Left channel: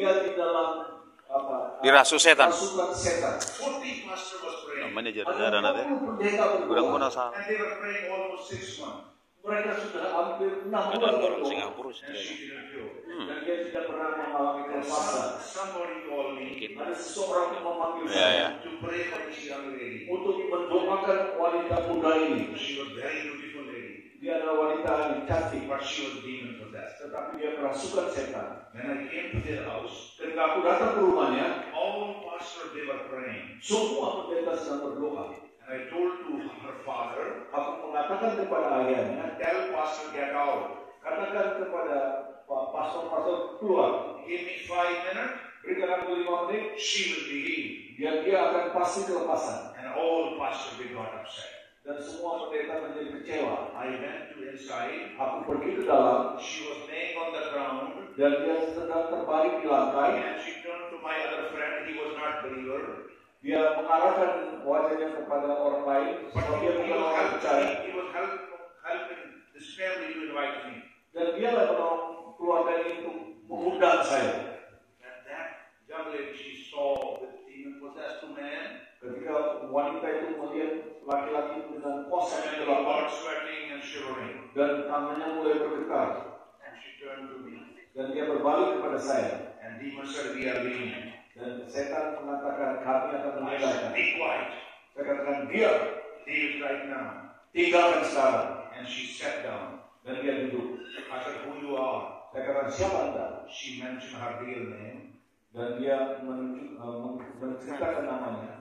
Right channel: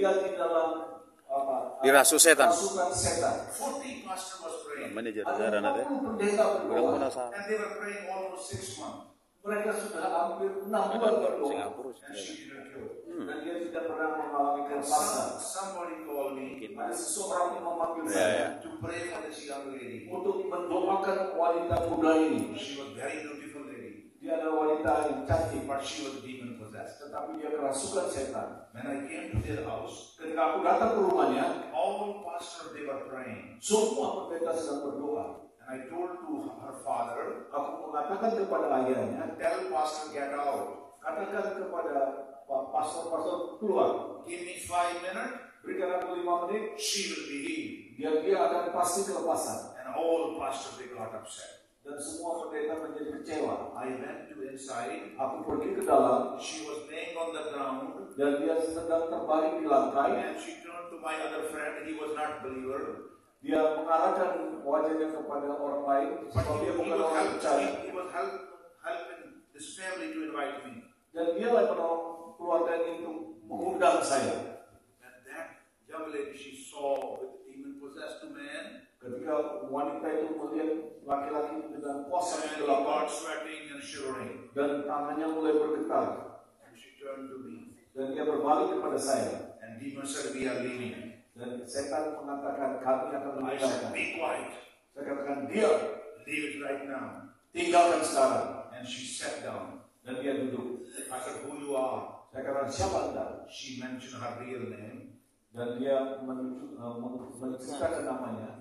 dia di dalam Dirasu setan. rasukan setan. 40 pastor was praying. Namanya jarang-jarang nanti. 40 pendeta Kurang berdoa. pun asa. And they were praying almost 6 months. Mereka sudah hampir 6 Ada bulan orang berdoa. Singapura And sebenarnya. she didn't do. Dan dia tidak pernah mengalami kelepasan. Somebody called me Ada seseorang yang memanggil Ya, saya ya. to pray for this young lady. untuk mendoakan wanita muda ini. She was very beautiful lady, Dia adalah wanita yang cantik, but she was demon possessed. tetapi dia kerasukan setan. When I came to their house, Ketika aku datang ke rumahnya, all pastors they were praying. semua pendeta sedang berdoa. And I told to her father, Aku mengatakan kepada ayahnya, tell pastor get out. katakan kepada pastor-pastor keluar. Give me 5 minutes, Berikan aku 5 menit, she will be healed. biar dia akan pasti kelepasan. And all pastors they got upset. Dan semua pendeta menjadi kecewa. I went to inside. Aku pergi ke dalam, She was laying on the ground. dan dia sedang terbaring di lantai. And she turned to my other friend. He was not believer. Dia mengarahkan wajahnya kepada orang lain, But sebab he, dia he bukan was orang percaya. he was helping this family to invite me. Dan dia lah menolong keluarga ini untuk mengundang saya. And that young lady she saw with demon possessed man. Ketika wanita itu melihat laki-laki dengan kuasa And yang he gelap got sweating and shivering. dan tangannya mulai bergetar, And she turned to me. dan dia berbalik kepada saya. And demon said, we are leaving. Dan setan mengatakan kami akan I said, meninggalkan. be quiet. Saya katakan diam, Leave right now. tinggalkan sekarang. And she sat down. Dan dia duduk. I said, who you are? Saya katakan siapa anda? She mentioned her real name. Dan dia menceritakan namanya.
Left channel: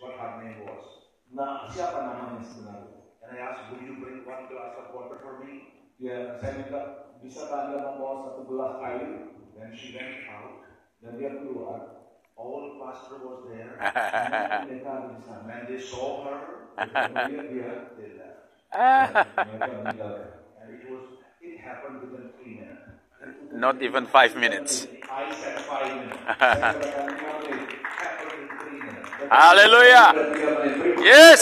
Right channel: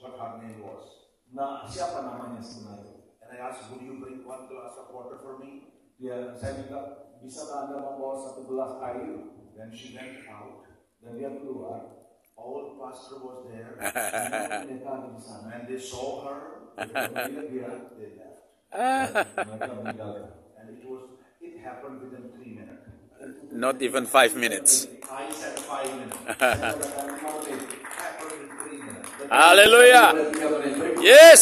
What her name was. Nah, siapa namanya sebenarnya? And I asked, would you bring 1 glass of water for me? Saya minta, bisakah anda membawa 1 gelas air? Then she went out. Dan dia keluar. All pastor was there. Mereka ada di sana. When they saw her, Dia they left. mereka meninggalkan. And it happened within 3 minutes. Not even 5 minutes. I said 5 minutes. Saya katakan 5 menit. Happened in 3 minutes. Haleluya. Dan 3 menit berikut. Yes.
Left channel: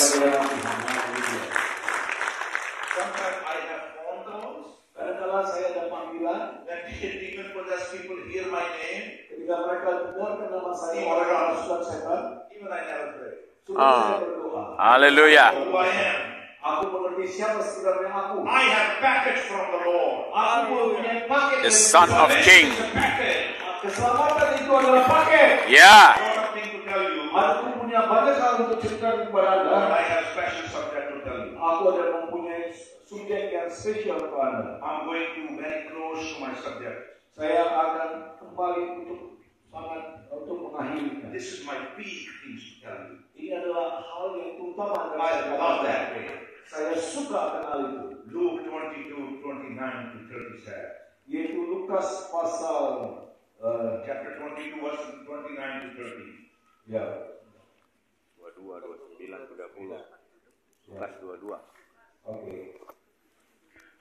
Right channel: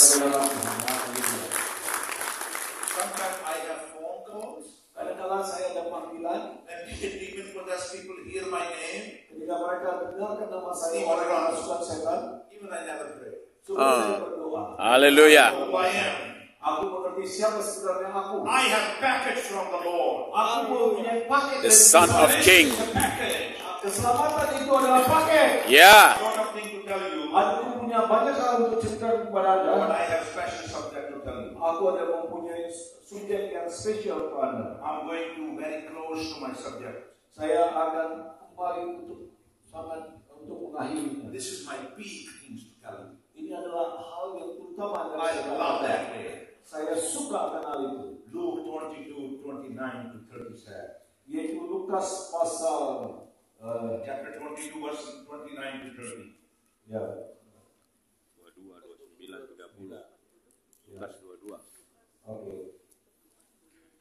Sometimes I have phone calls. Kadang-kadang saya ada panggilan. When demon possessed people hear my name, Ketika mereka dengarkan nama saya, orang yang masukkan setan, even I never pray. sudah saya berdoa. Haleluya. Who I am. Aku mengerti siapa sebenarnya aku. I have package from the Lord. Aku mempunyai paket. The dari Son of Tuhan. King. Package. Keselamatan itu adalah paket. Yeah. I don't have thing to tell you. Aku punya banyak hal untuk cerita kepada But anda. I have special subject to tell you. Aku ada mempunyai subjek yang spesial kepada anda. I'm going to very close to my subject. Saya akan kembali untuk mengakhiri. This is my big things to tell you. Ini adalah hal yang utama yang I saya love katakan. that way. Saya suka akan hal itu. Luke 22, 29 to 30 said. Yaitu Lukas pasal Chapter 22, verse 29 to 30. ya 22, 29, 30. Lukas 22. oke.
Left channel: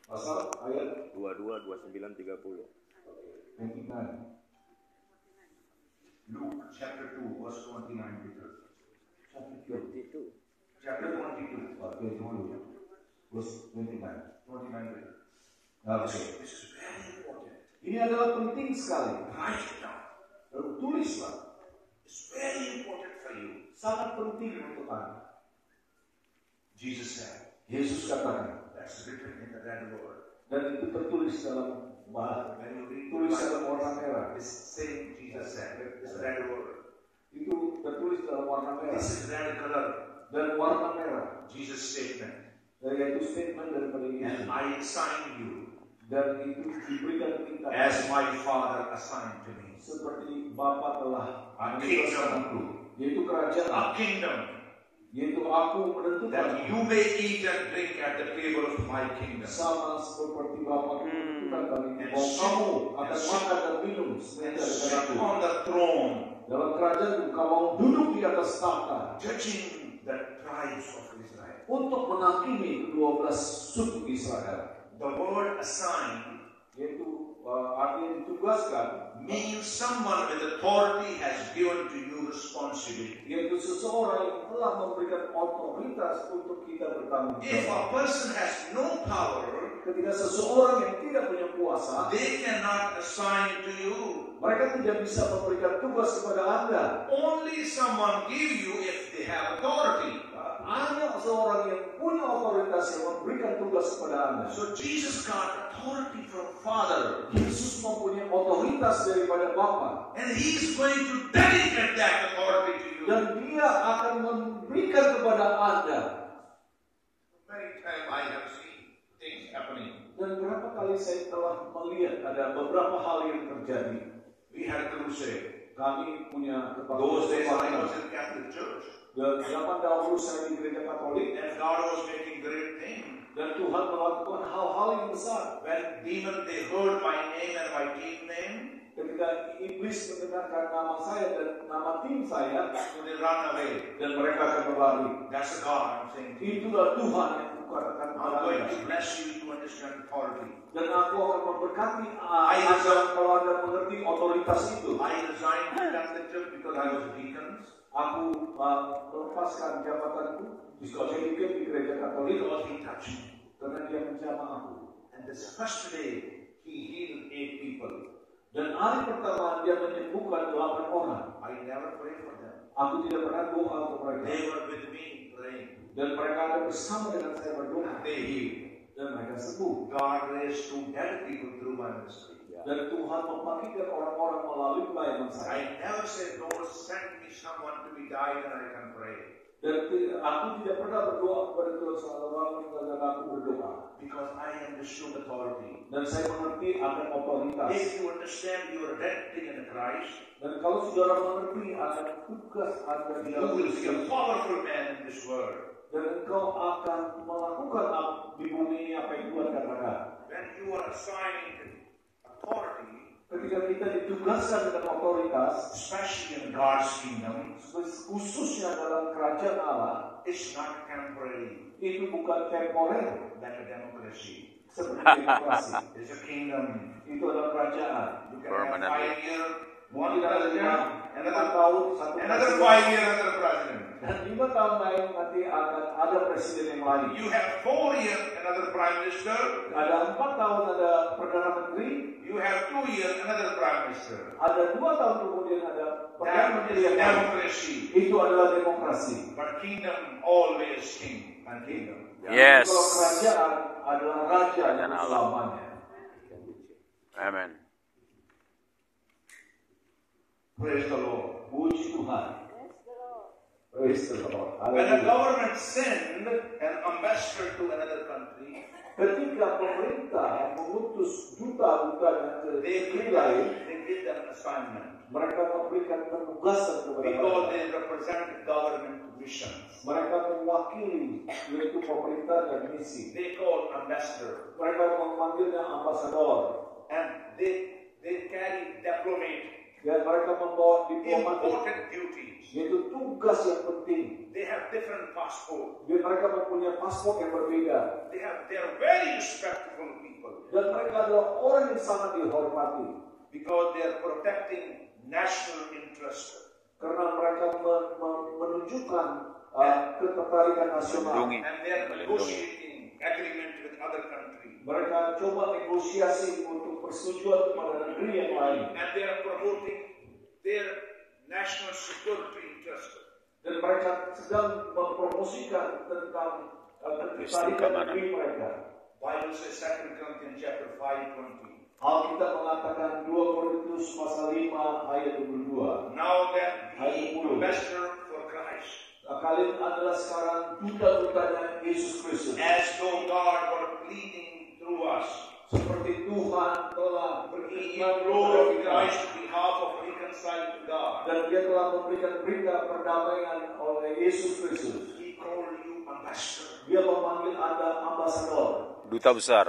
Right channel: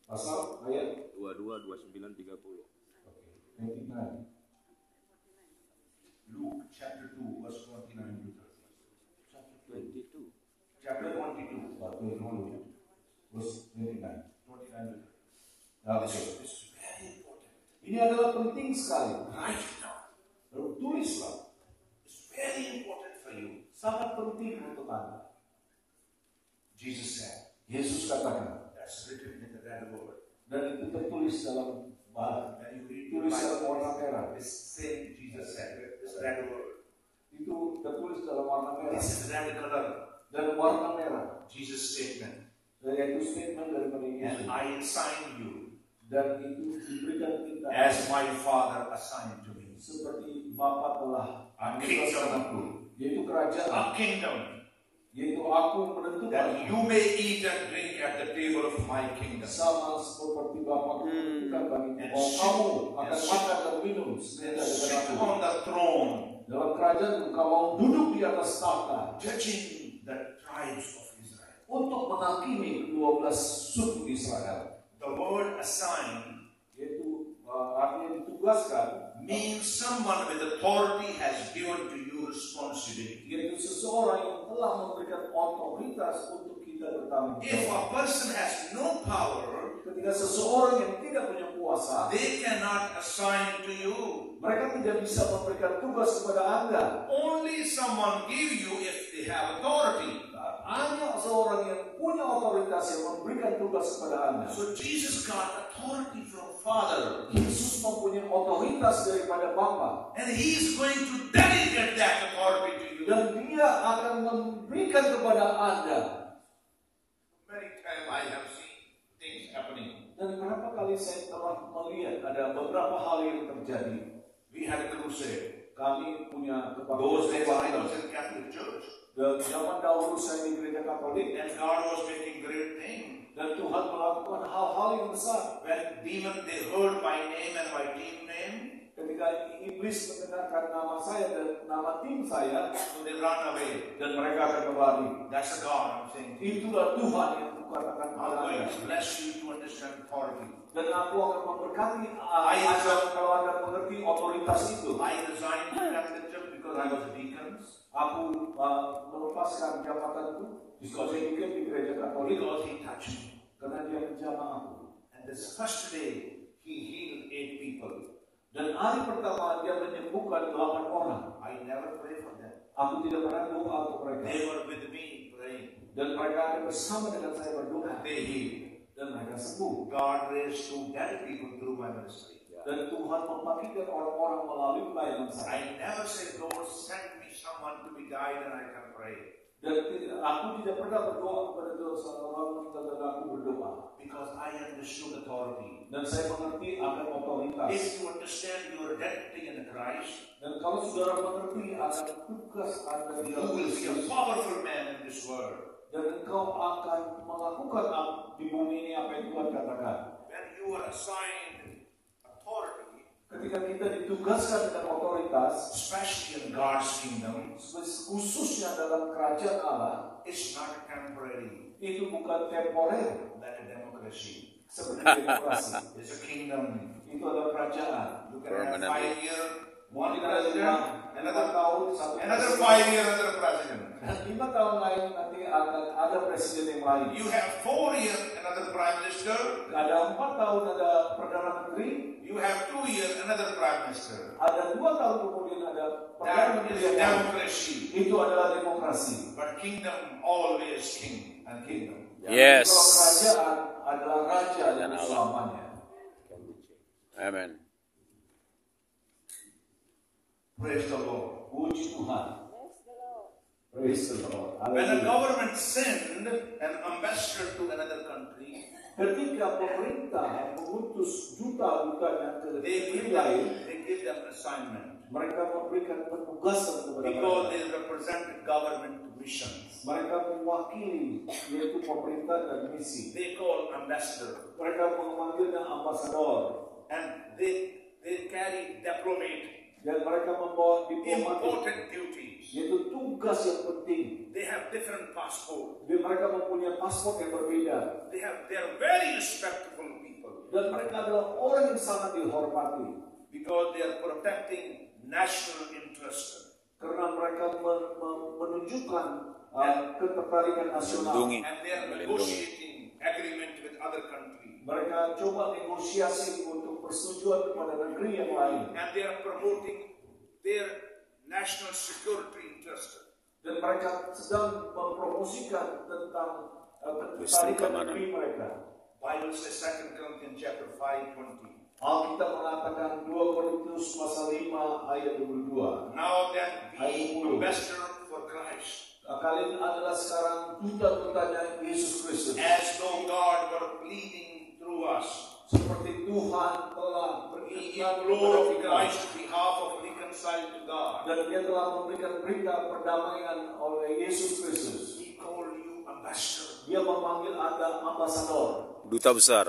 Pasal ayat 22, 29, 30. 29. Luke chapter 2, verse 29 to 30. 22. Chapter 22, Oke, dulu. Terus 29. 29 to 30. Oke. This is very important. Ini adalah penting sekali. Write it down. Lalu tulislah. It's very important for you. Sangat penting untuk Anda. Jesus said, Yesus katakan, that's written in the red word. dan itu tertulis dalam bahasa, When you read tulis dalam warna merah. this same Jesus said, this red word. Itu tertulis dalam warna merah This is red color. dan warna merah. Jesus' statement. Yaitu statement daripada Yesus. And I assign you Dan itu diberikan kita as my Father assigned to me. seperti Bapa telah A menentukan aku, yaitu kerajaan, A kingdom yaitu aku menentukan that you may eat and drink at the table of my kingdom. sama seperti Bapa menentukan kami. And Bahwa sit- kamu and akan sit- makan dan minum And sebenarnya sit dengan aku. on the throne, Dalam kerajaan kamu duduk di atas tahta judging the tribes of Israel. untuk menghakimi ke-12 suku Israel. The word assign Yaitu artinya ditugaskan, means someone with authority has given to you responsibility. yaitu seseorang yang telah memberikan otoritas untuk kita bertanggung If jawab. a person has no power, Ketika seseorang yang tidak punya kuasa, they cannot assign to you. mereka tidak bisa memberikan tugas kepada Anda. Only someone give you if they have authority. Hanya seorang yang punya otoritas yang memberikan tugas kepada Anda. So Jesus got authority from Father. Yesus mempunyai otoritas daripada Bapa. And He is going to delegate that authority to you. Dan Dia akan memberikan kepada Anda. Many times I have seen things happening. Dan berapa kali saya telah melihat ada beberapa hal yang terjadi. We had a crusade. Kami punya Those days I kebaktian. was in Catholic Church. Dan zaman dahulu saya di gereja Katolik. And God was making great things. Dan Tuhan melakukan hal-hal yang besar. When demon they heard my name and my team name, Ketika iblis mendengarkan nama saya dan nama tim saya, so they run away. dan mereka akan berlari. That's a God I'm saying. Itulah Tuhan yang kukatakan I'm kepada going Anda. to bless you to understand authority. Dan aku akan memberkati Anda kalau Anda mengerti otoritas itu. I resigned from Catholic Church because I was a deacon. Aku melepaskan jabatanku di Skotlandia di gereja Katolik Because He touched me. karena Dia menjamah aku. And this first day, He healed 8 people. Dan hari pertama Dia menyembuhkan 8 orang. I never prayed for them. Aku tidak pernah doa untuk mereka. They were with me praying. Dan mereka ada bersama dengan saya berdoa. They healed. Dan mereka sembuh. God raised 2 dead people through my ministry. Dan Tuhan membangkitkan orang-orang melalui pelayanan saya. I never said, Lord, send me someone to be died and I can pray. Dan aku tidak pernah berdoa kepada Tuhan seorang dan aku berdoa. Because I understood authority. Dan saya mengerti akan otoritas. If you understand your identity in Christ, Dan kalau saudara mengerti akan tugas Anda di you dalam will be a Kristus, powerful man in this world. dan engkau akan melakukan di bumi ini apa yang Tuhan katakan. When you are assigned authority, Ketika kita ditugaskan dengan otoritas, especially in God's kingdom, khususnya dalam kerajaan Allah, it's not temporary itu bukan temporer like a democracy. seperti demokrasi. It's a kingdom. Itu adalah kerajaan. You can have Permanent. 5 years, one Mungkin ada president, 5 another tahun, satu another presiden. 5 years, another president. Dan 5 tahun lain nanti akan ada presiden yang lain. You have 4 years, another prime minister. Ada 4 tahun ada perdana menteri. You have 2 years, another prime minister. Ada 2 tahun kemudian ada perdana That menteri is yang lain. democracy. Itu adalah demokrasi. But kingdom always king and kingdom. Yes. Kalau kerajaan adalah raja Kerajaan yang Allah. selamanya. Amen. Praise the Lord. Puji Tuhan. Praise the Lord. When a Haleluya. government send an ambassador to another country, Ketika pemerintah mengutus duta-dutanya ke they negeri give lain, them assignment mereka memberikan penugasan kepada because mereka. they represent government missions. Mereka mewakili yaitu pemerintah dan misi. They call ambassador, Mereka memanggilnya ambasador and they carry diplomatic dan mereka membawa diplomatik, important duties. yaitu tugas yang penting. They have different passport. Dan mereka mempunyai paspor yang berbeda. They are very respectable people Dan mereka adalah orang yang sangat dihormati. because they are protecting national interest. Karena mereka menunjukkan ketertarikan nasional. Melindungi. And they are negotiating agreement with other countries. Mereka coba negosiasi untuk persetujuan kepada negeri yang lain. And they are promoting their national security interest. Dan mereka sedang mempromosikan tentang Listrik ketertarikan keamanan. negeri mereka. Bible says 2 Corinthians chapter 5:20. Alkitab mengatakan 2 Korintus pasal 5 ayat 22. Now then, be Ayat 10. ambassador for Christ, Kalian adalah sekarang duta-dutanya Yesus Kristus. as though God were pleading through us. Seperti Tuhan telah He berkenan implored kepada Christ kita. on behalf of reconcile to God. Dan dia telah memberikan berita perdamaian oleh Yesus Kristus. He called you ambassador. Dia memanggil Anda ambasador. Duta besar.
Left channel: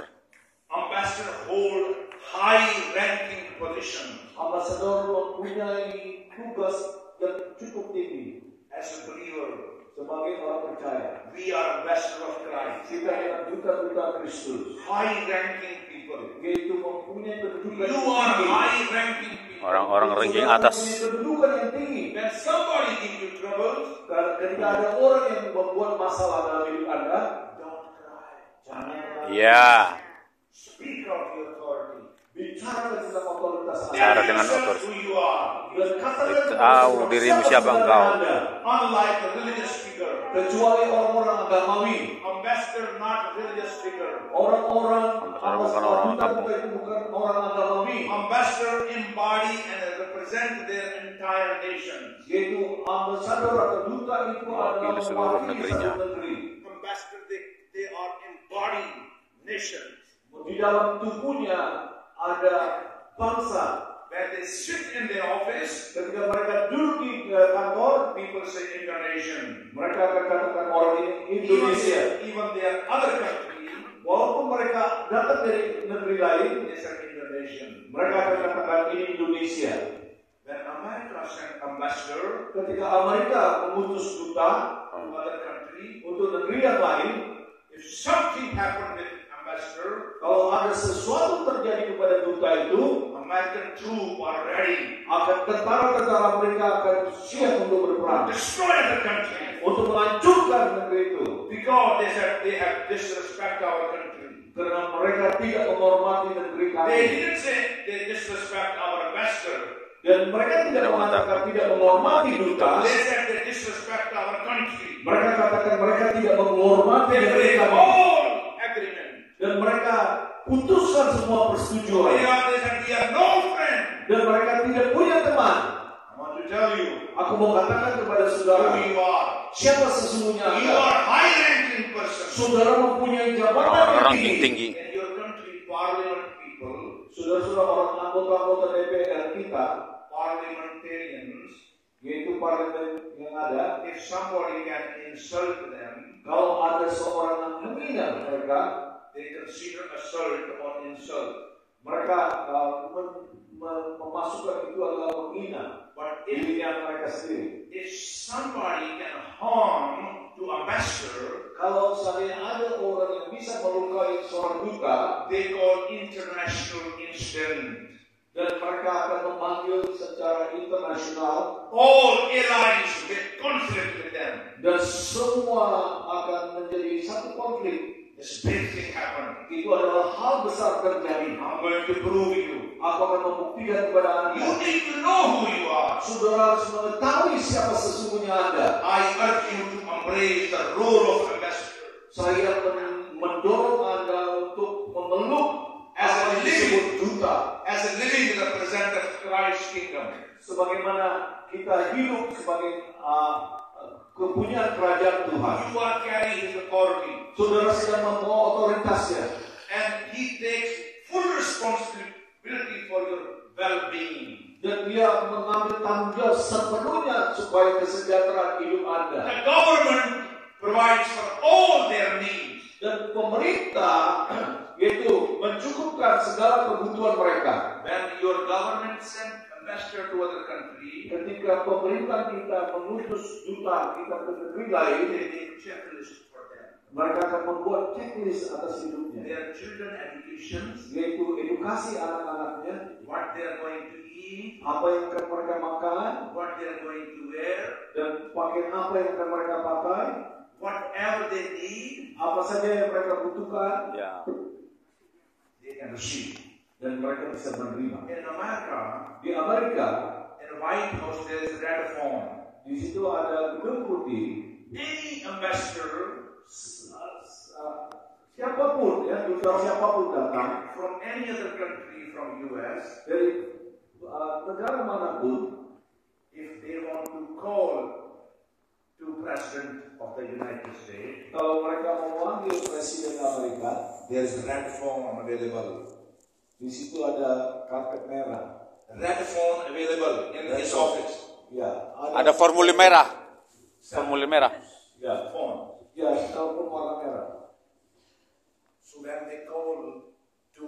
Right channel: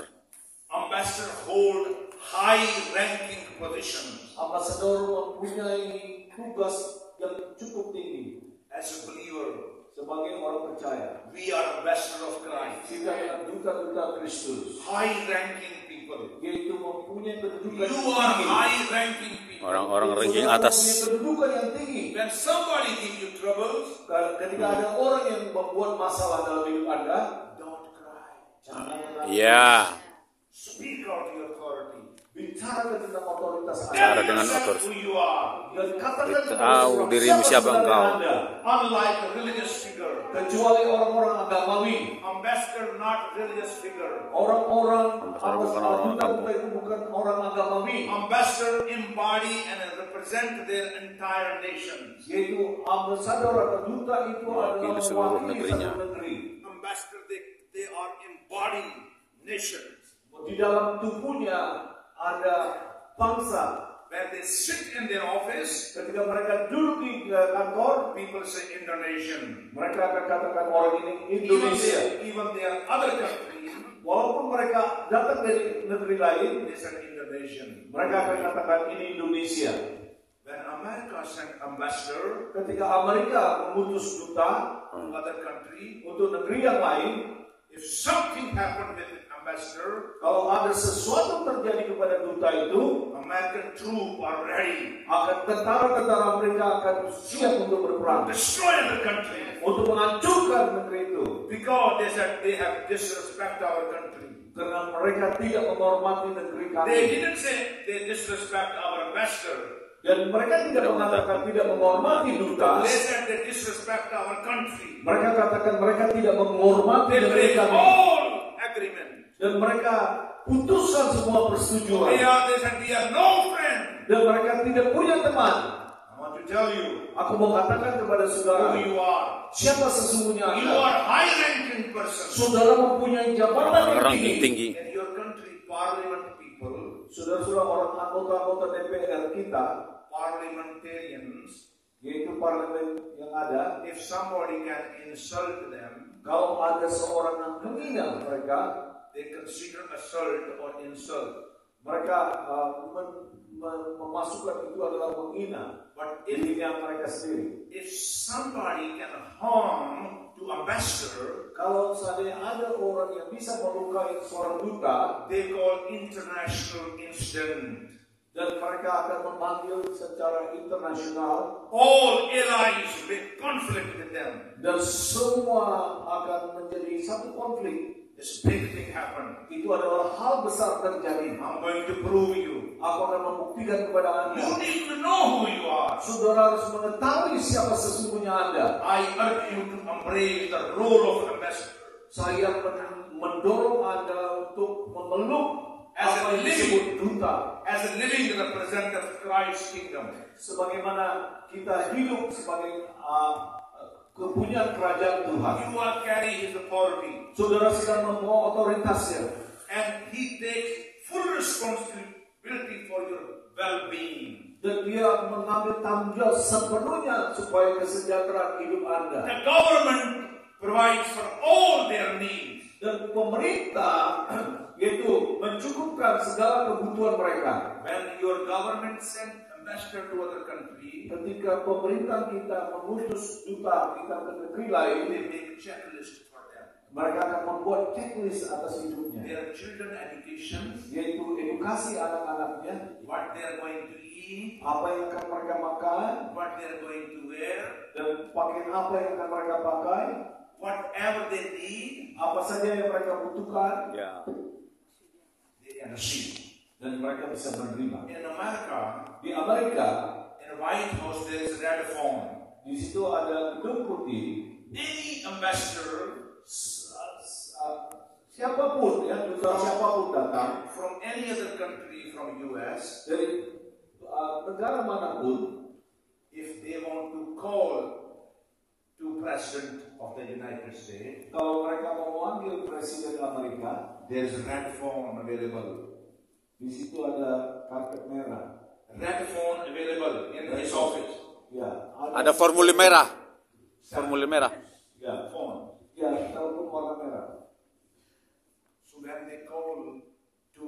Ambassador hold high-ranking positions. Ambasador mempunyai tugas yang cukup tinggi. As a believer, Sebagai orang percaya, we are ambassador of Christ. kita adalah duta-duta Kristus. High-ranking people. Yaitu mempunyai kedudukan You yang are tinggi. high-ranking people. Orang-orang ranking Saudara atas. mempunyai kedudukan yang tinggi. When somebody give you troubles, Karena ketika ada orang yang membuat masalah dalam hidup Anda, don't cry. jangan menangis. Ya. Speak out your authority. Bicara tentang otoritas Anda. bicara dengan yourself otoritas. who you are. Dan katakan Tahu dirimu siapa engkau. Unlike a religious figure. Kecuali orang-orang agamawi, Ambassador, not religious figure. orang-orang Bukan orang kampung. itu bukan orang agamawi, Ambassador embody and represent their entire nations. yaitu ambasador atau duta itu adalah Mewakili seluruh mewakili negerinya. satu negeri. Ambassador, they are embodied nations. Di dalam tubuhnya ada bangsa. Where they sit in their office, Ketika mereka duduk di kantor, people say Indonesian. mereka akan katakan orang ini Indonesia. Even their other country, Walaupun mereka datang dari negeri lain, they say Indonesian. mereka akan katakan ini Indonesia. When America sent ambassador Ketika Amerika mengutus duta to other country, untuk negeri yang lain, if something happened with ambassador, kalau ada sesuatu terjadi kepada duta itu, American troops are ready akan tentara-tentara Amerika akan siap untuk to berperang, destroy the country untuk menghancurkan negeri itu, because they said they have disrespect our country. karena mereka tidak menghormati negeri They kami. didn't say they disrespect our ambassador. Dan mereka tidak mengatakan tidak menghormati duta. They said they disrespect our country. Mereka katakan mereka tidak menghormati They negeri break kami. all agreement. Dan mereka putuskan semua persetujuan. They said we have no friend. Dan mereka tidak punya teman. I want to tell you Aku mau katakan kepada saudara, who you are. siapa sesungguhnya You Anda? are high-ranking person. Saudara mempunyai jabatan Orang-orang tinggi. yang tinggi. In your country, parliament people, Saudara-saudara orang anggota-anggota DPR kita, parliamentarians, yaitu parlemen yang ada, if somebody can insult them, kalau ada seorang yang menghina mereka, they consider assault or insult. mereka memasukkan itu adalah menghina But if dirinya mereka sendiri. somebody can harm to ambassador, Kalau seandainya ada orang yang bisa melukai seorang duta, they call international incident. dan mereka akan memanggil secara internasional, All allies with conflict with them. dan semua akan menjadi satu konflik. This big thing happened. Itu adalah hal besar terjadi. I'm going to prove you. Aku akan membuktikan kepada You Anda. need to know who you are. Saudara harus mengetahui siapa sesungguhnya Anda. I urge you to embrace the role of ambassador. Saya mendorong Anda untuk memeluk apa yang disebut duta. As a living representative of Christ's kingdom. Sebagaimana kita hidup sebagai kepunyaan kerajaan Tuhan. You are carrying his authority. Saudara sedang membawa otoritasnya. And he takes full responsibility for your well-being. Dan dia mengambil tanggung jawab sepenuhnya supaya kesejahteraan hidup Anda. The government provides for all their needs. Dan pemerintah yaitu mencukupkan segala kebutuhan mereka. When your government sends ambassador to other country, Ketika pemerintah kita mengutus duta kita ke negeri lain, they make checklist for them. mereka akan membuat checklist atas hidupnya, Their children education, yaitu edukasi anak-anaknya, what they are going to eat, apa yang akan mereka makan, what they are going to wear, dan pakaian apa yang akan mereka pakai, whatever they need, apa saja yang mereka butuhkan, Ya. they can receive. dan mereka bisa menerima. In America, Di Amerika, in the White House, there is a red phone. di situ ada gedung putih. Any ambassador Siapapun ya, saudara siapapun datang from any other country from US, dari negara manapun, if they want to call to President of the United States, kalau mereka mau memanggil Presiden Amerika, there's a red phone available. di situ ada karpet merah. Red phone available in his office. Ya, Ada formulir merah. Formulir merah. Ya, Phone. ya, telepon warna merah. So when they call to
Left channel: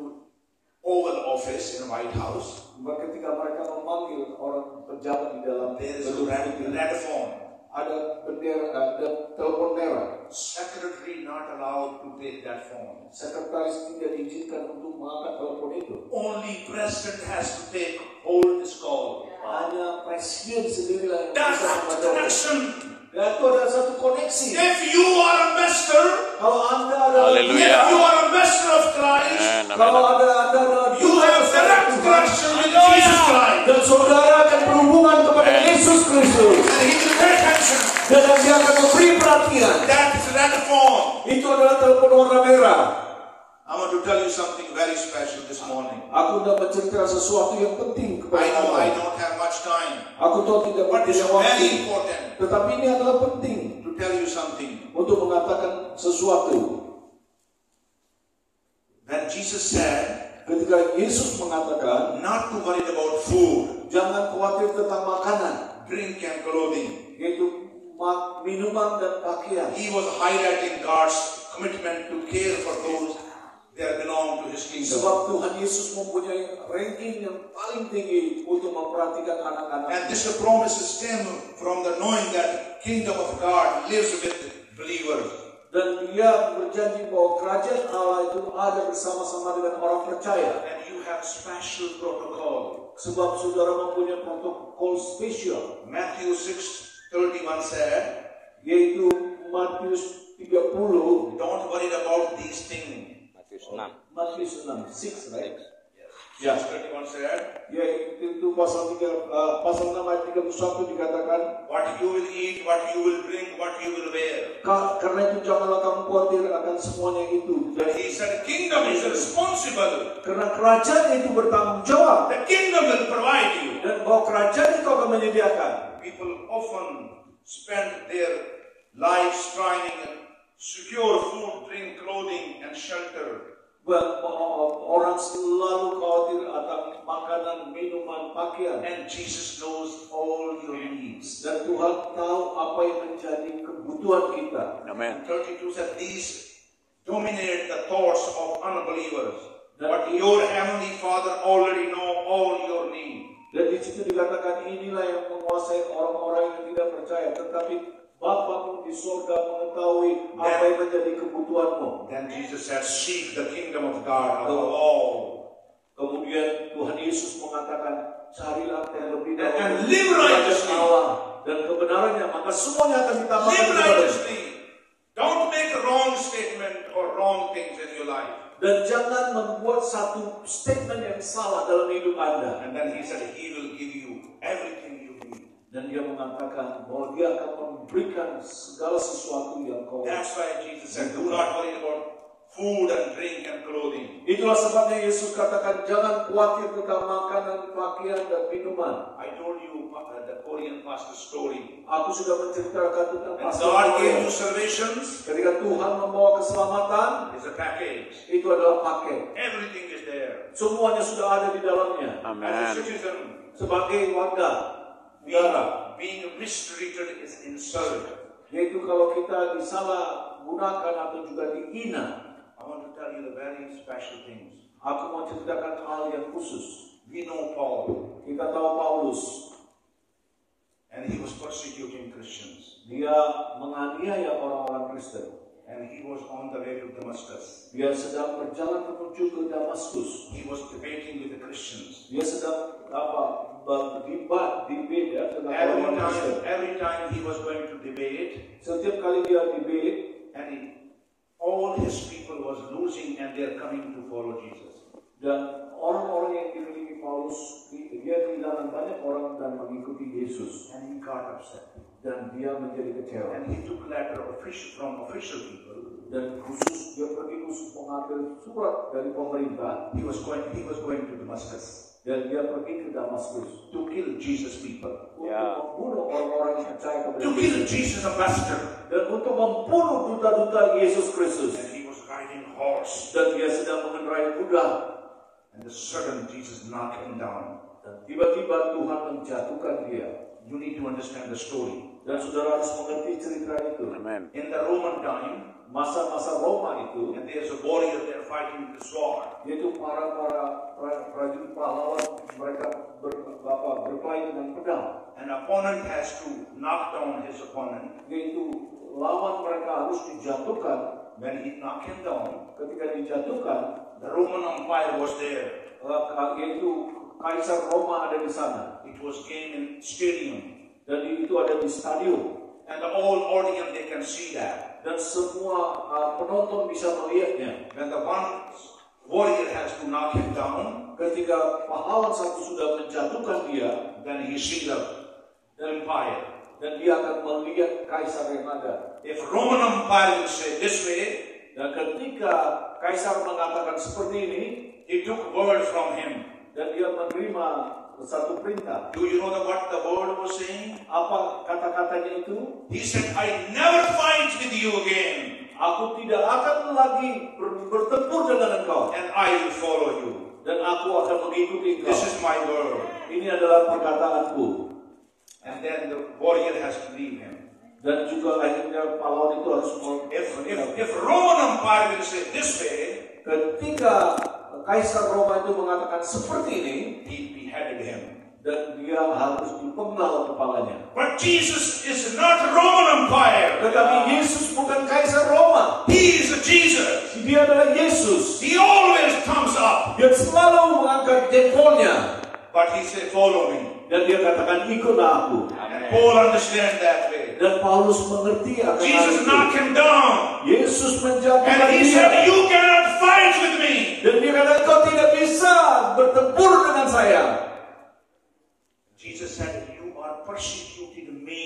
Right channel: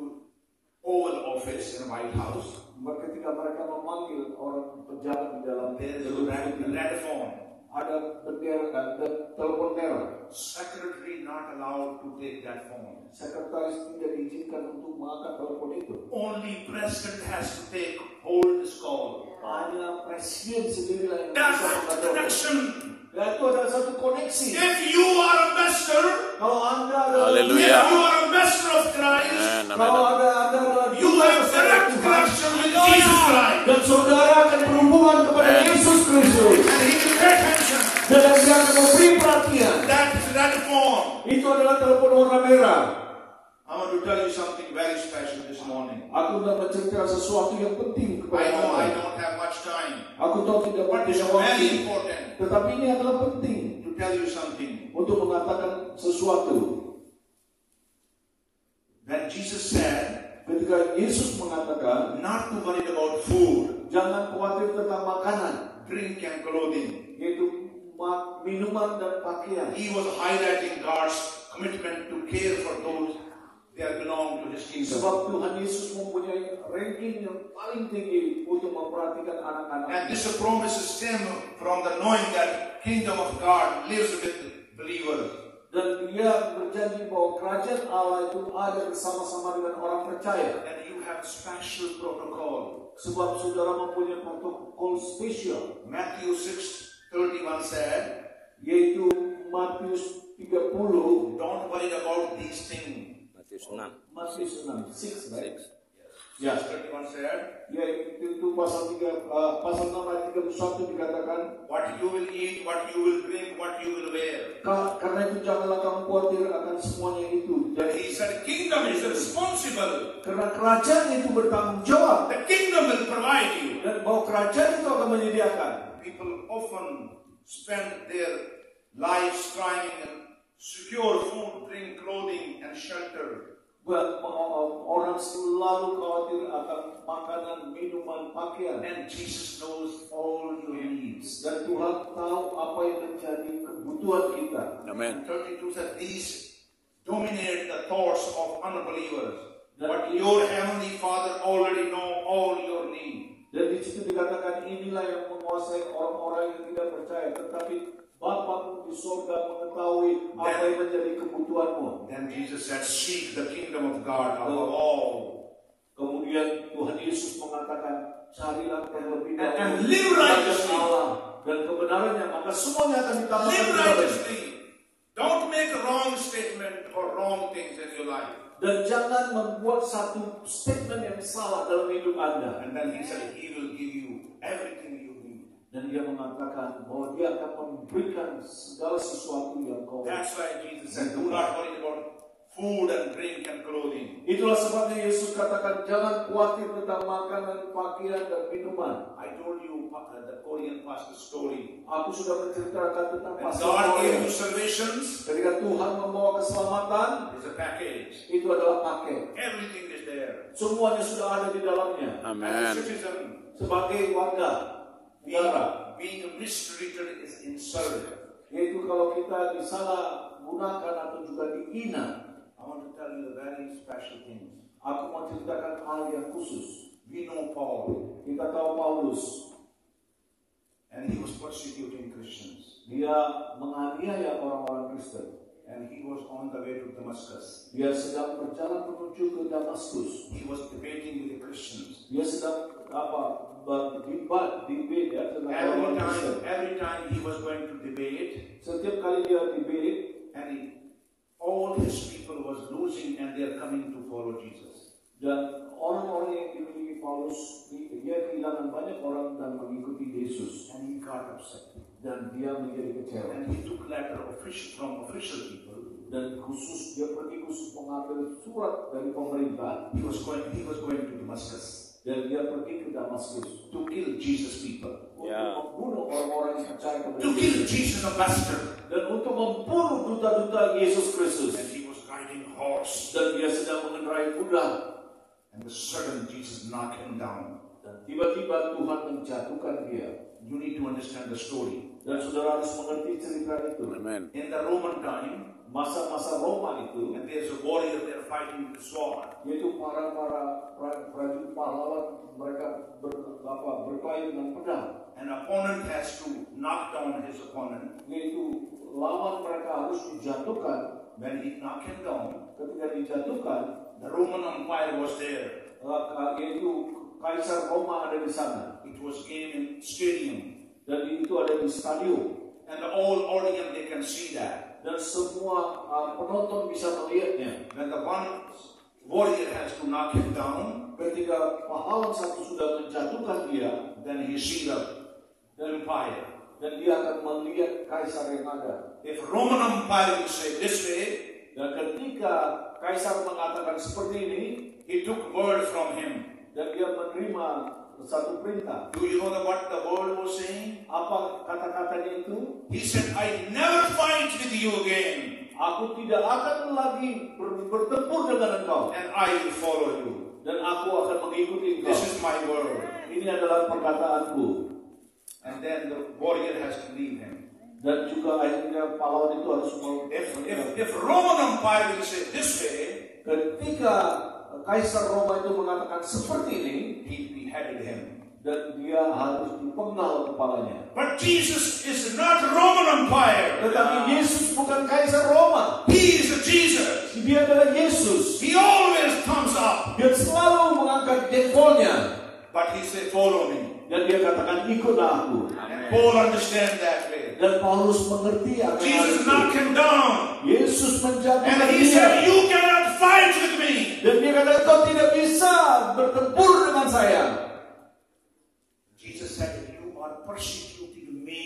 Oval Office in White House, Ketika mereka memanggil orang pejabat di dalam there is a gedung red, putih, red phone. ada bendera, ada telepon merah. Secretary not allowed to take that phone. Sekretaris tidak diizinkan untuk mengangkat telepon itu. Only President has to hold this call. Hanya presiden sendirilah yang That's bisa the mengangkat telepon. connection. Dan itu adalah satu koneksi. If you are ambassador, Kalau Anda adalah Haleluya. if you are ambassador of Christ, Amen. kalau Anda adalah you have direct connection with Jesus Christ. Dan saudara akan berhubungan kepada Yesus Kristus. And he will pay attention. Dan dia akan memberi perhatian. That is red phone. Itu adalah telepon warna merah. I want to tell you something very special this morning. Aku hendak menceritakan sesuatu yang penting kepada I know I Anda. don't have much time, Aku tahu tidak but it's punya waktu, very important tetapi ini adalah penting to tell you something. untuk mengatakan sesuatu. When Jesus said, Ketika Yesus mengatakan, not to worry about food, jangan khawatir tentang makanan, drink, and clothing, yaitu minuman dan pakaian. he was highlighting God's commitment to care for those that belong to his kingdom. Sebab Tuhan Yesus mempunyai ranking yang paling tinggi untuk memperhatikan anak-anak. And this promises stem from the knowing that kingdom of God lives with believers. Dan dia berjanji bahwa kerajaan Allah itu ada bersama-sama dengan orang percaya. And you have special protocol. Sebab saudara mempunyai protokol spesial, Matthew 6:31 said, yaitu Matius 30, don't worry about these things. Matius 6. Matius 6, right? Yes. 31 said, Ya, itu pasal 6 ayat 31 dikatakan, what you will eat, what you will drink, what you will wear. karena itu janganlah kamu khawatir akan semuanya itu. But he said, kingdom is responsible. Karena kerajaan itu bertanggung jawab. The kingdom will provide you. Dan bahwa kerajaan itu akan menyediakan. People often spend their lives trying to secure food, drink, clothing, and shelter. Orang selalu khawatir akan makanan, minuman, pakaian. And Jesus knows all your needs. Dan Tuhan tahu apa yang menjadi kebutuhan kita. Amen. 32 said, these dominate the thoughts of unbelievers. But your heavenly Father already know all your needs. Dan di situ dikatakan inilah yang menguasai orang-orang yang tidak percaya. Tetapi Bapa di surga mengetahui apa yang menjadi kebutuhanmu. Then Jesus said, seek the kingdom of God above all. Kemudian Tuhan Yesus mengatakan, carilah terlebih dahulu And live righteously. Allah dan kebenarannya, maka semuanya akan ditambahkan Live kepadamu. righteously. Don't make a wrong statement or wrong things in your life. Dan jangan membuat satu statement yang salah dalam hidup Anda. And then he said, he will give you everything you need. Dan dia mengatakan bahwa dia akan memberikan segala sesuatu yang kau. That's why Jesus said, do not worry about food and drink and clothing. Itulah sebabnya Yesus katakan jangan khawatir tentang makanan, pakaian dan minuman. I told you the Korean pastor story. Aku sudah menceritakan tentang When pastor God gave Korea. you salvations, Ketika Tuhan membawa keselamatan, it's a package. itu adalah paket. Everything is there. Semuanya sudah ada di dalamnya. As a Amen. citizen, Sebagai warga negara, being mistreated is insult. yaitu kalau kita disalah gunakan atau juga dihina. I want to tell you the very special things. Aku mau ceritakan hal yang khusus. We know Paul, Kita tahu Paulus, and he was persecuting Christians, dia menganiaya orang-orang Kristen. and he was on the way to Damascus. Dia sedang berjalan menuju ke Damaskus. He was debating with the Christians. Dia sedang berdebat ya, dengan orang Kristen. Every time he was going to debate, Setiap kali dia debat, and all his people was losing, and they are coming to follow Jesus. dan orang-orang yang dimiliki Paulus, dia kehilangan banyak orang dan mengikuti Yesus. And he got upset. Dan dia menjadi kecewa. And he took letter from official people. Dan dia pergi khusus mengambil surat dari pemerintah. He was going to Damascus Dan dia pergi ke Damaskus to kill Jesus people, untuk Ya. membunuh orang-orang yang percaya kepada to kill Yesus. Jesus ambassador. Dan untuk membunuh duta-duta Yesus Kristus. And he was riding a horse. Dan dia sedang mengendarai kuda. And the sudden Jesus knocked him down. Dan tiba-tiba Tuhan menjatuhkan dia. You need to understand the story. Dan saudara harus mengerti cerita itu. Amen. In the Roman time, Masa-masa Roma itu, and there's a warrior there fighting with a sword. yaitu para prajurit pahlawan, mereka berkelahi dengan pedang. An opponent has to knock down his opponent. Yaitu lawan mereka harus dijatuhkan. When he knocked him down, Ketika dijatuhkan, the Roman Empire was there. yaitu Kaisar Roma ada di sana. It was game in stadium. Dan itu ada di stadion. And the whole audience, they can see that. Dan semua penonton bisa melihatnya. When the one warrior has to knock him down, ketika pahlawan satu sudah menjatuhkan dia, then he sees the empire. dan dia akan melihat kaisar yang ada. If Roman Empire will say this way, Dan ketika kaisar mengatakan seperti ini, he took word from him. dan dia menerima satu perintah. Do you know what the word was saying? Apa kata-katanya itu? He said, I never fight with you again, Aku tidak akan lagi bertempur dengan engkau, and I will follow you. dan aku akan mengikuti engkau. This is my word. Ini adalah perkataanku. And then the warrior has to leave him. Dan juga akhirnya pahlawan itu harus If Roman Empire will say this way, ketika Kaisar Roma itu mengatakan seperti ini, he beheaded him. dan dia harus dipenggal kepalanya. But Jesus is not Roman Empire. Tetapi Yesus bukan Kaisar Roma. He is Jesus. Dia adalah Yesus. He always comes up. Dia selalu mengangkat jempolnya. But he said, follow me. Dan dia katakan, ikutlah aku. And Paul understands that way. Dan Paulus mengerti akan hal Jesus itu. knocked him down. Yesus And menjatuhkan he said, dia. you cannot fight with me. Dan dia kata, kau tidak bisa bertempur dengan saya. Jesus said, you are persecuting me.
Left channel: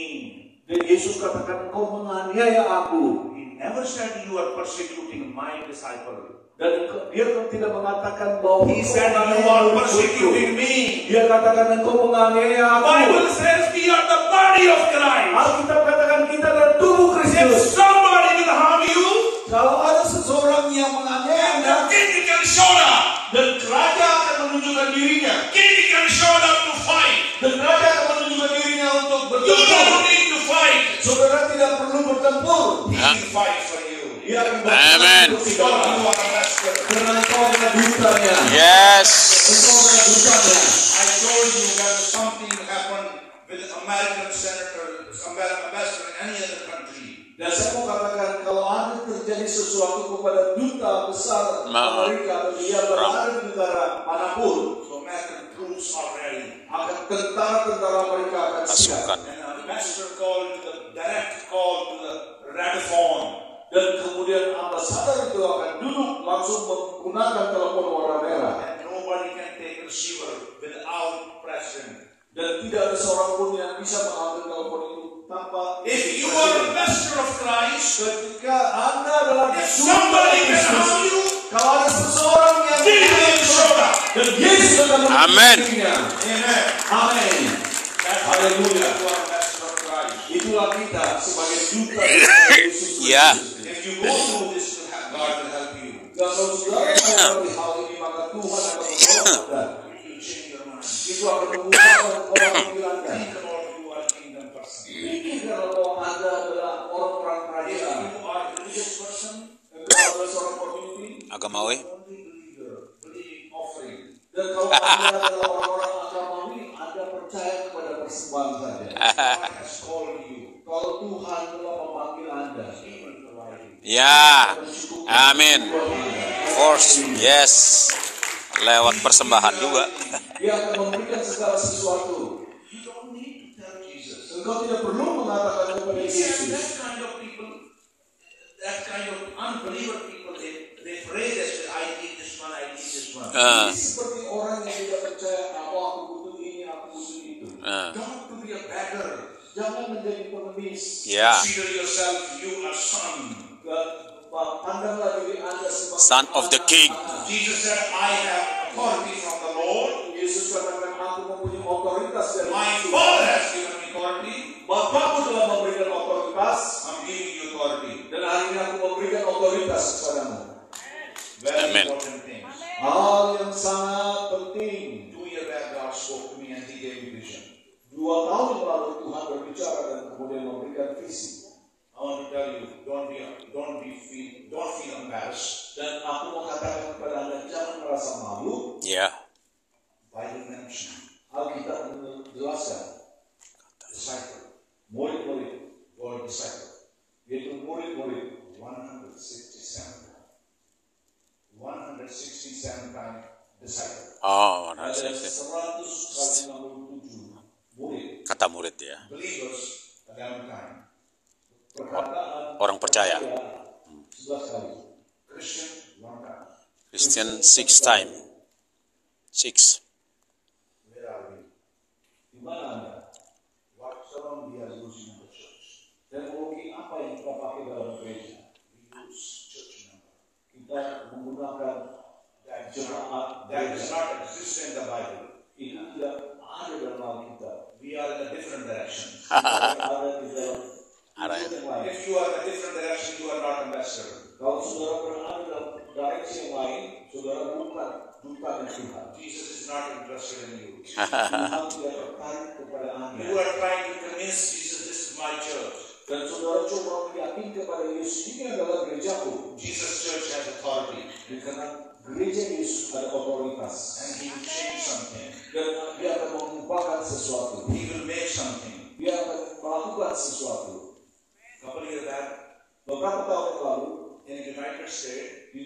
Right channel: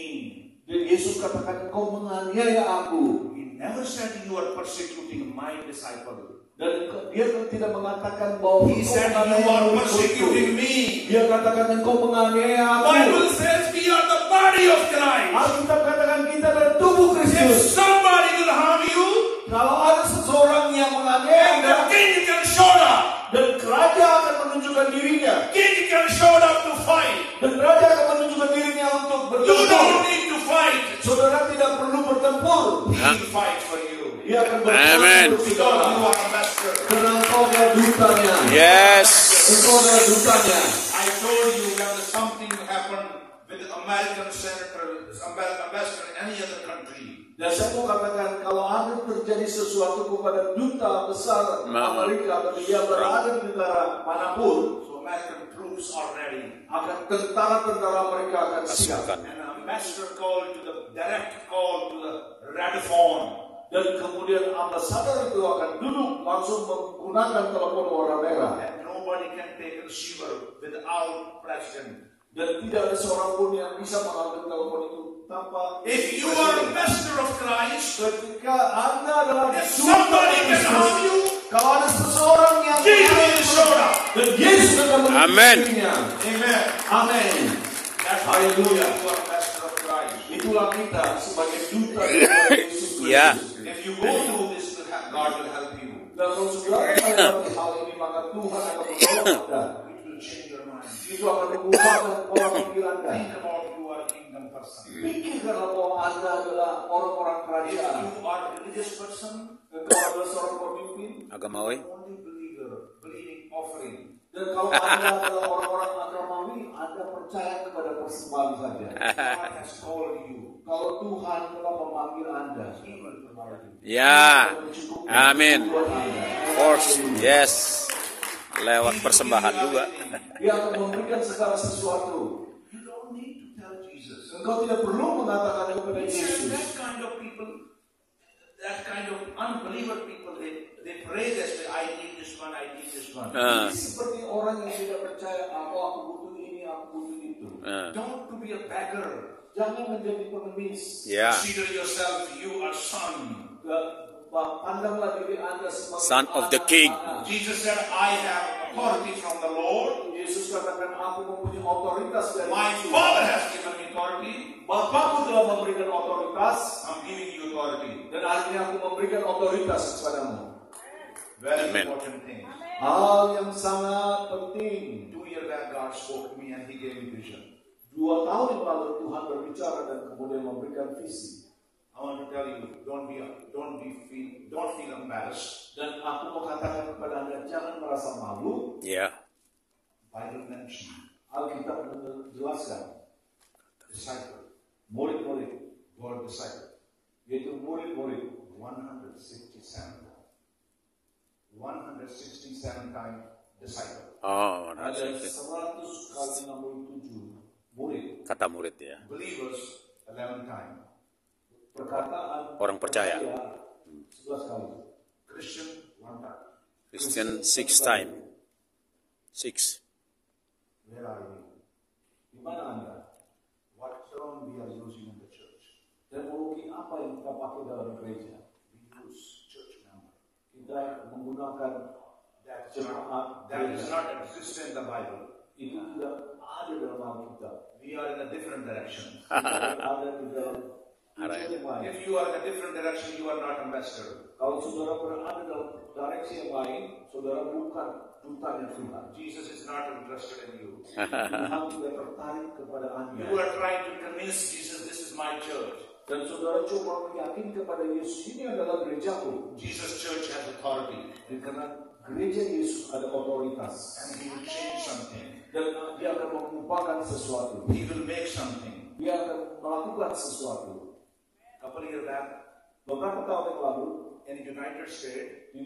Dan Yesus katakan, engkau menganiaya aku. He never said you are persecuting my disciple. Dan dia tidak mengatakan bahwa He said you are persecuting me. Dia katakan engkau menganiaya aku. Bible says we are the body of Christ. Alkitab katakan kita adalah tubuh If Kristus. somebody will harm you, Kalau ada seseorang yang menganiaya Anda, the king can show up. dan raja akan menunjukkan dirinya, King can show up to fight. dan raja akan menunjukkan dirinya untuk You bertempur. don't need to fight. Saudara tidak perlu bertempur. He will fight for you. Dia akan Amen. bertempur untuk Because saudara. you are a master. Karena engkau adalah dutanya. Yes. Engkau adalah dutanya. I told you when something happened with an American senator, ambassador in any other country. Dan saya mau katakan, kalau ada terjadi sesuatu kepada duta besar Amerika, atau dia berada di negara manapun, So American troops are ready. akan tentara-tentara Amerika akan siap. Pasukan. And an ambassador called to the direct call to the radiophone. Dan kemudian ambasador itu akan duduk langsung menggunakan telepon warna merah. And nobody can take a receiver without president. Dan tidak ada seorang pun yang bisa mengambil telepon itu tanpa. If you are a messenger of Christ, Ketika Anda adalah if somebody can harm you, kalau ada seseorang yang Jesus showed up. dan Yesus akan Amen. menghentikannya. Amen. Amin. That's Haleluya. you are a messenger of Christ. Itulah kita sebagai duta Yesus Kristus. Ya. If you go through this, God will help you. Dan kalau saudara melewati hal ini, maka Tuhan akan menolong Anda. It will change your mind. Itu akan mengubahkan pola pikir Anda. Think about you are a kingdom person. Pikirkan bahwa Anda adalah orang-orang kerajaan. If you are a religious person, Engkau adalah seorang pemimpin. Agamawi. only believer, believing offering. Dan kalau Anda adalah orang-orang agamawi, Anda percaya kepada persembahan saja. God has called you. Kalau Tuhan telah memanggil Anda, He will provide you. Ya. Amin. Force. Yes. Lewat persembahan juga. Dia akan memberikan segala sesuatu. You don't need to tell Jesus. Engkau tidak perlu mengatakan kepada He said Yesus. that kind of people, that kind of unbeliever people, they pray this way, I need this one, I need this one. Seperti orang yang tidak percaya, aku butuh ini, aku butuh itu. Don't to be a beggar. Jangan menjadi pengemis. Ya. Consider yourself, you are son. Pandanglah diri Anda sebagai Son of the King. Jesus said, I have authority from the Lord. Yesus katakan, aku mempunyai otoritas dari My Yesus. Father has given me authority. Bapakku telah memberikan otoritas, I'm giving you authority. dan hari ini aku memberikan otoritas kepadamu. Very Amen. important things. Hal yang sangat penting. 2 years back, God spoke to me and He gave me vision. 2 tahun yang lalu Tuhan berbicara dan kemudian memberikan visi. I want to tell you, don't feel embarrassed. Dan aku mau katakan kepada Anda, jangan merasa malu. Ya. Bible mention Alkitab menjelaskan disciple, murid-murid, word disciple, yaitu murid-murid 167 times disciple. Oh, ada 100 kali 67 murid. kata murid ya. Believers 11 times. Perkataan Orang percaya. 11 kali. Christian 1 time. Christian 6 time. 6. Where are we? Di mana Anda? What term we are using in the church? Teknologi apa yang kita pakai dalam gereja? We use church number. Kita menggunakan That jemaat does not exist in the Bible. itu tidak ada dalam Alkitab. We are in a different direction. Tapi ada di dalam Ada. yang lain. If you are in a different direction, you are not ambassador. Kalau saudara berada dalam direksi yang lain, saudara bukan duta dari Tuhan. Jesus is not interested in you. Tuhan tidak tertarik kepada Anda. You are trying to convince Jesus, this is my church. Dan saudara coba meyakinkan kepada Yesus, ini adalah gerejaku. Jesus' church has authority. Karena gereja Yesus ada otoritas. And he will change something. Dan dia akan mengubahkan sesuatu. He will make something. Dia akan melakukan sesuatu. A couple of years back, Beberapa tahun yang lalu, in the United States, di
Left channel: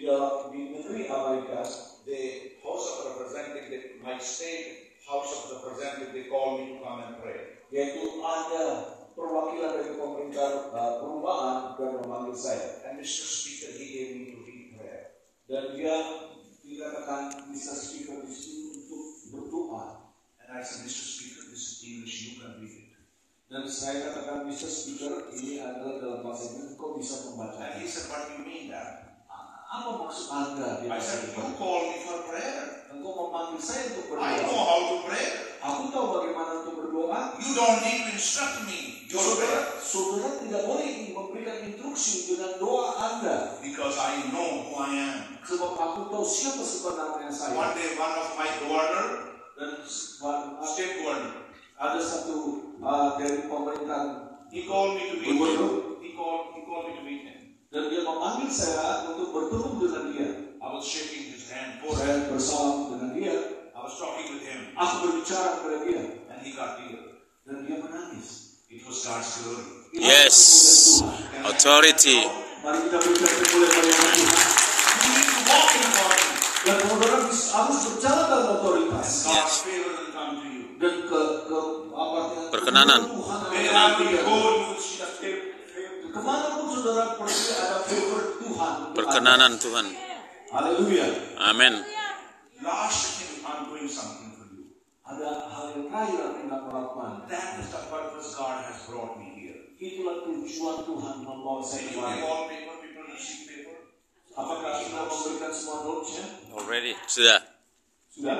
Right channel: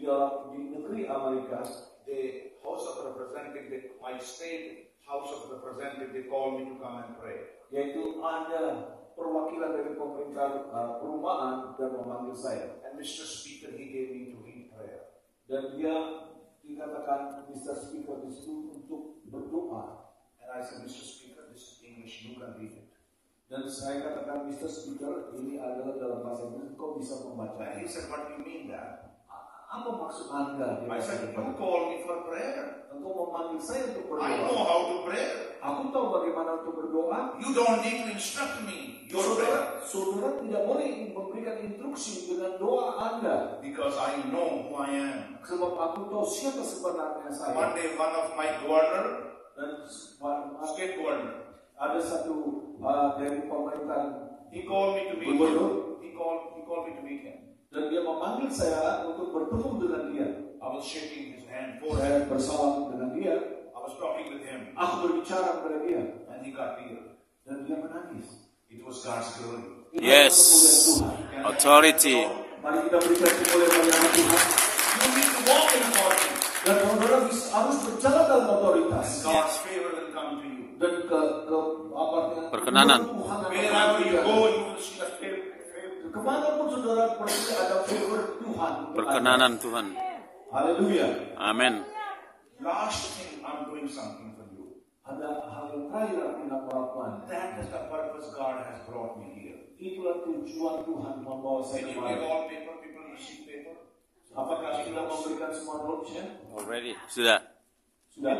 negeri Amerika, the House of Representatives, my state House of Representatives, they called me to come and pray. yaitu ada perwakilan dari pemerintah perumahan dan memanggil saya. And Mr. Speaker, he gave me to read prayer. Dan dia dikatakan bisa speaker di situ untuk berdoa. And I said, Mr. Speaker, this is English, you can read it. Dan saya katakan, Mr. Speaker, ini adalah dalam bahasa Inggris, kau bisa membaca. And he said, what do you mean that? Apa maksud Anda? I said, you called me for prayer. Engkau memanggil saya untuk I know berdoa. how to pray. Aku tahu bagaimana untuk berdoa. You don't need to instruct me. Your prayer. Saudara tidak boleh memberikan instruksi dengan doa Anda. Because I know who I am. Sebab aku tahu siapa sebenarnya saya. One day, one of my governor, Dan state governor, ada satu dari pemerintahan he called me to meet gubernur. him. He called me to meet him. Dan dia memanggil saya untuk bertemu dengan dia. I was shaking his hand, forehead. Saya bersalam dengan dia. I was talking with him. Aku berbicara kepada dia. And he got tears. Dan dia menangis. It was God's glory. Yes. Authority. Mari kita berikan kemuliaan kepada Tuhan. You need to walk in authority. Dan saudara harus berjalan dalam otoritas. God's favor will come to you. Dan Perkenanan. Wherever you go, you will see the favor. Kemanapun saudara pergi ada favor Tuhan. Perkenanan Tuhan. Haleluya. Amin. Last thing, I'm doing something for you. Ada hal yang terakhir yang hendak melakukan. That is the purpose God has brought me here. Itulah tujuan Tuhan membawa saya When you give kemari. all paper, people receive paper. Apakah sudah memberikan semua notes-nya? Already. Sudah. Sudah?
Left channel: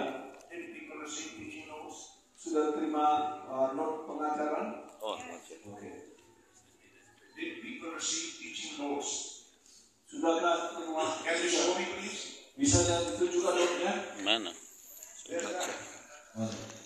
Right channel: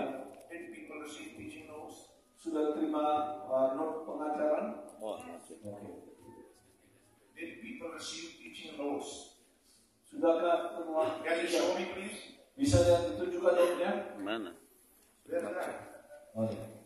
Did people receive teaching notes? Sudah terima note pengajaran? Oh, Oke. Did people receive teaching notes? Sudahkah terima? Can you show me, please? Bisa yang ditunjukkan note-nya? mana? Where's that?